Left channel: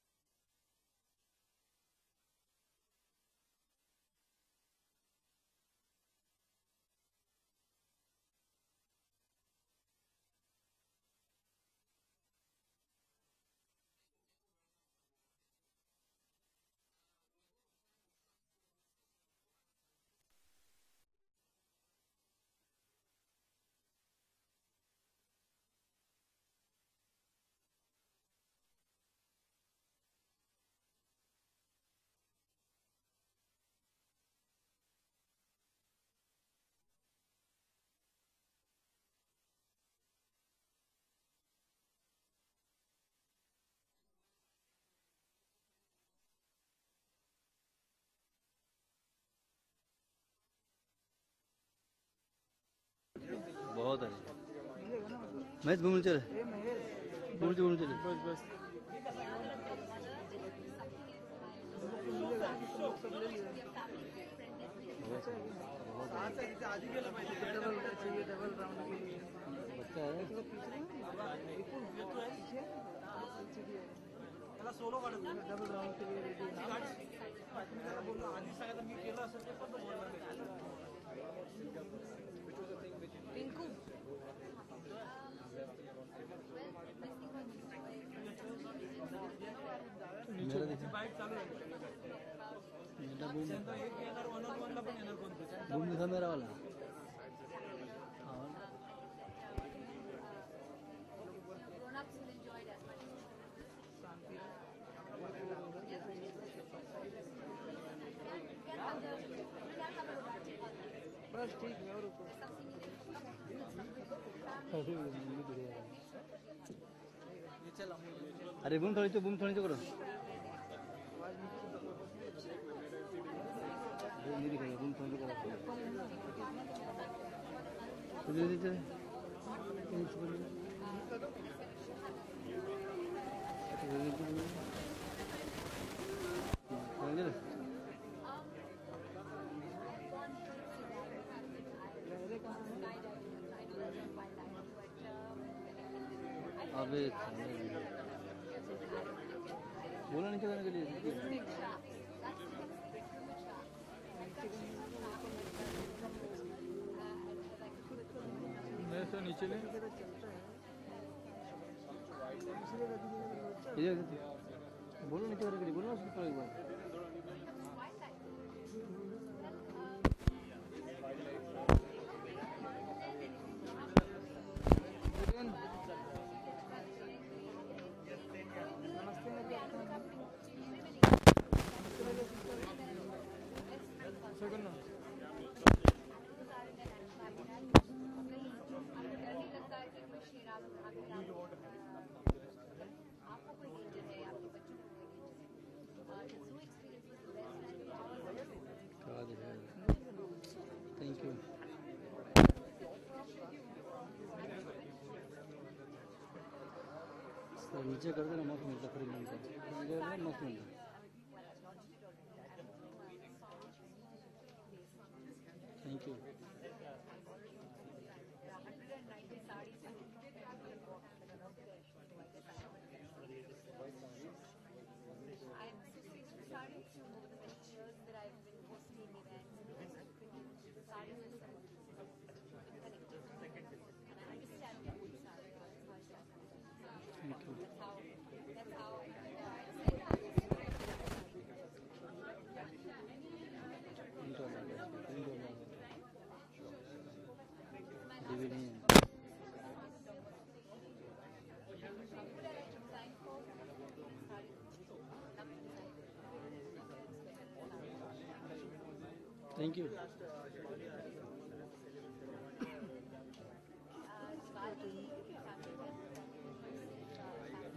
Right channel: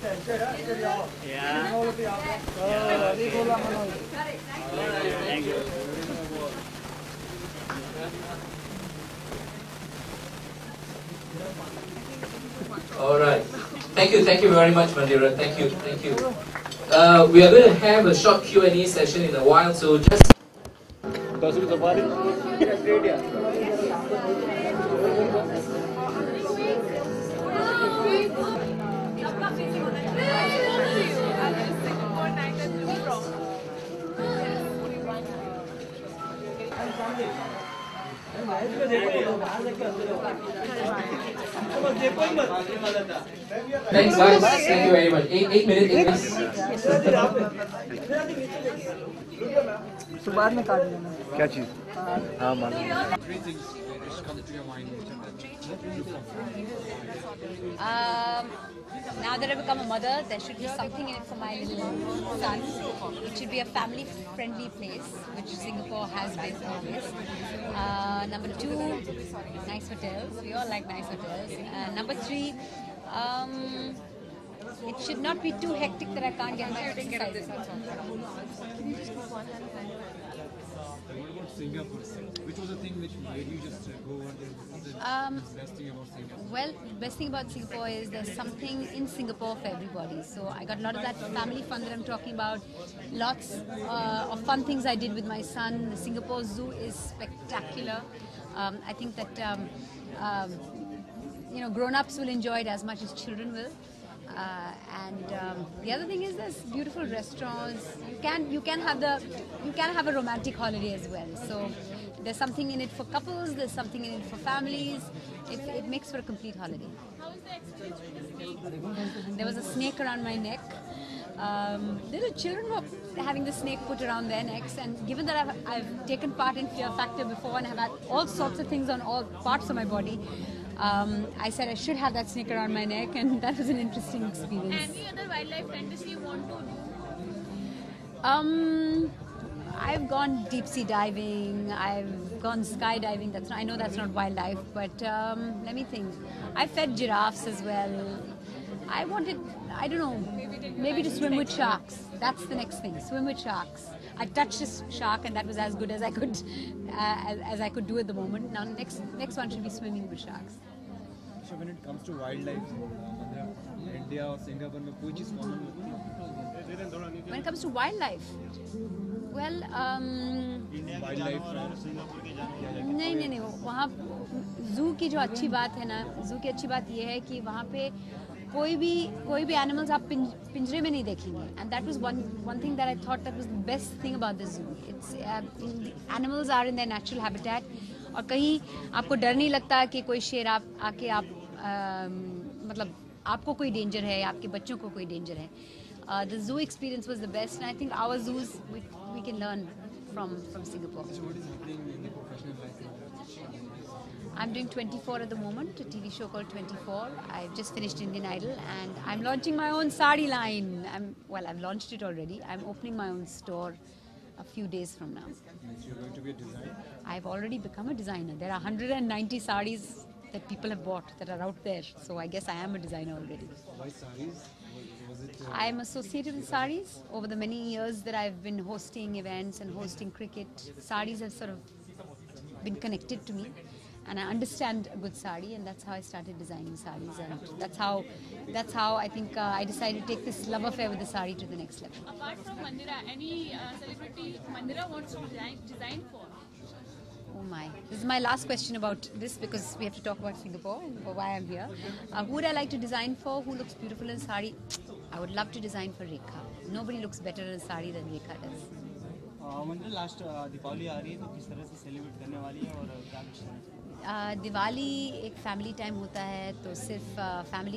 Thank you. All right. Thank you very much, Mandira. Thank you. We are going to have a short Q&A session in a while, so just. Thanks, guys. Thank you very much. 8 minutes. बाद में काट लेना क्या चीज? हाँ मालूम। Now that I've become a mother, there should be something in it for my little son. It should be a family-friendly place, which Singapore has been always. Number 2, nice hotels. We all like nice hotels. Number 3, it should not be too hectic that I can't get my exercise. Singapore. Which was the thing which made you just go over there? Well, the best thing about Singapore is there's something in Singapore for everybody. So I got a lot of that family fun that I'm talking about. Lots of fun things I did with my son. The Singapore Zoo is spectacular. I think that grown-ups will enjoy it as much as children will. The other thing is there's beautiful restaurants. You can have a romantic holiday as well. So there's something in it for couples. There's something in it for families. It makes for a complete holiday. There was a snake around my neck. Little children were having the snake put around their necks, and given that I've taken part in Fear Factor before and have had all sorts of things on all parts of my body, I said I should have that snake around my neck, and that was an interesting experience. Any other wildlife fantasy you want to do? I've gone deep sea diving, I've gone skydiving. I know that's not wildlife, but let me think. I fed giraffes as well. I wanted, I don't know, maybe to swim with sharks. That's the next thing, swim with sharks. I touched a shark and that was as good as I could do at the moment. Now next one should be swimming with sharks. So when it comes to wildlife, India or Singapore में कोई चीज़ When it comes to wildlife, well, नहीं वहाँ जू की जो अच्छी बात है ना, जू की अच्छी बात ये है कि वहाँ पे कोई भी एनिमल्स आप पिंजरे में नहीं देखेंगे. And that was one thing that I thought that was the best thing about the zoo. It's animals are in their natural habitat. और कहीं आपको डर नहीं लगता कि कोई शेर आके मतलब आपको कोई डेंजर है, आपके बच्चों को कोई डेंजर है. The zoo experience was the best, and I think our zoos we can learn from Singapore. I'm doing 24 at the moment, a TV show called 24. I've just finished Indian Idol, and I'm launching my own sari line. I've launched it already. I'm opening my own store a few days from now. You're going to be a designer? I've already become a designer. There are 190 saris that people have bought that are out there. So I guess I am a designer already. Why saris? I'm associated with saris. Over the many years that I've been hosting events and hosting cricket, saris have sort of been connected to me. And I understand a good sari, and that's how I started designing saris, and that's how I think I decided to take this love affair with the sari to the next level. Apart from Mandira, any celebrity Mandira wants to design for? Oh my! This is my last question about this because we have to talk about Singapore and why I'm here. Who would I like to design for? Who looks beautiful in sari? I would love to design for Rekha. Nobody looks better in sari than Rekha does. Last Deepavali आ रही है तो किस तरह से celebrate करने वाली है और क्या? दिवाली एक फैमिली टाइम होता है, तो सिर्फ फैमिली